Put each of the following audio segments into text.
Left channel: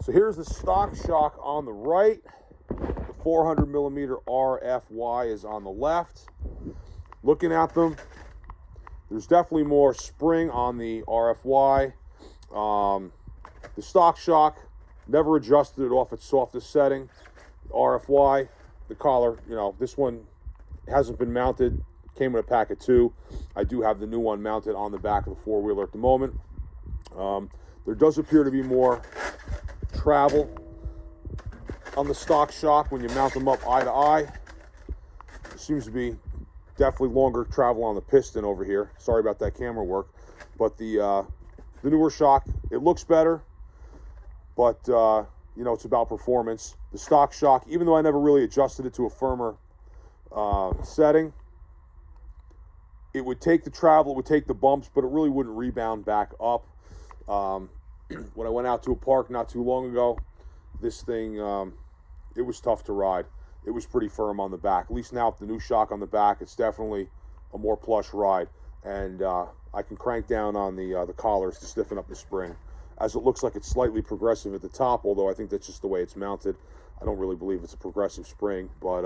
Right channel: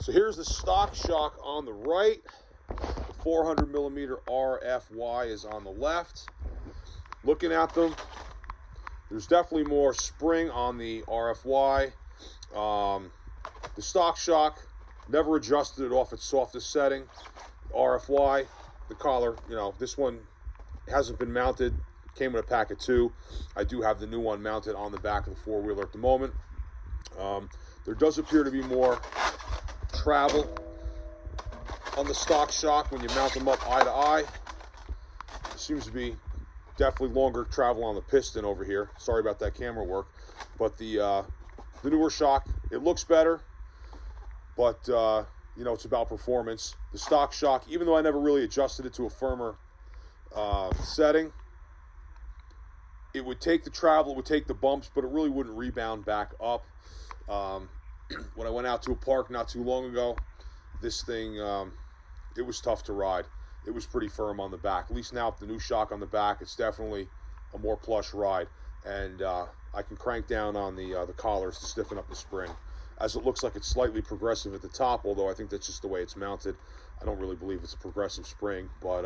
So here's the stock shock on the right. The 400 millimeter RFY is on the left. Looking at them, there's definitely more spring on the RFY. The stock shock, never adjusted it off its softest setting. RFY, the collar, you know, this one hasn't been mounted. Came in a pack of 2. I do have the new one mounted on the back of the four-wheeler at the moment. There does appear to be more travel on the stock shock when you mount them up eye to eye. There seems to be definitely longer travel on the piston over here. Sorry about that camera work. But the newer shock, it looks better, but you know, it's about performance. The stock shock, even though I never really adjusted it to a firmer setting, it would take the travel, it would take the bumps, but it really wouldn't rebound back up. When I went out to a park not too long ago, this thing, it was tough to ride. It was pretty firm on the back. At least now with the new shock on the back, it's definitely a more plush ride. And I can crank down on the collars to stiffen up the spring, as it looks like it's slightly progressive at the top, although I think that's just the way it's mounted. I don't really believe it's a progressive spring, but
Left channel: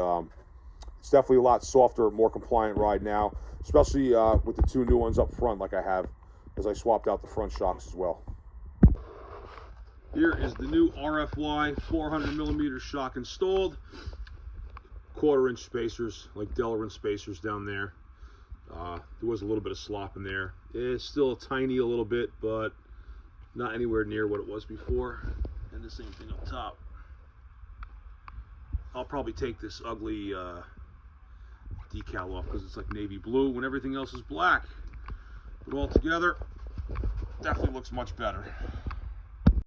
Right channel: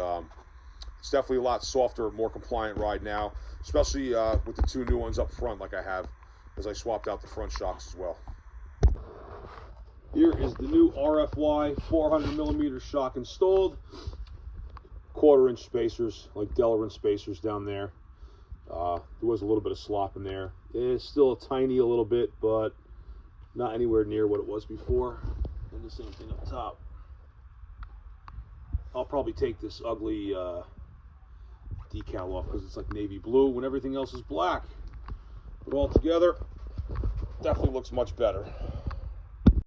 it's definitely a lot softer, more compliant ride now, especially with the 2 new ones up front like I have, as I swapped out the front shocks as well. Here is the new RFY 400 millimeter shock installed. 1/4 inch spacers, like Delrin spacers down there. There was a little bit of slop in there. It's still a tiny a little bit, but not anywhere near what it was before. And the same thing up top. I'll probably take this ugly decal off because it's like navy blue when everything else is black. But all together, definitely looks much better.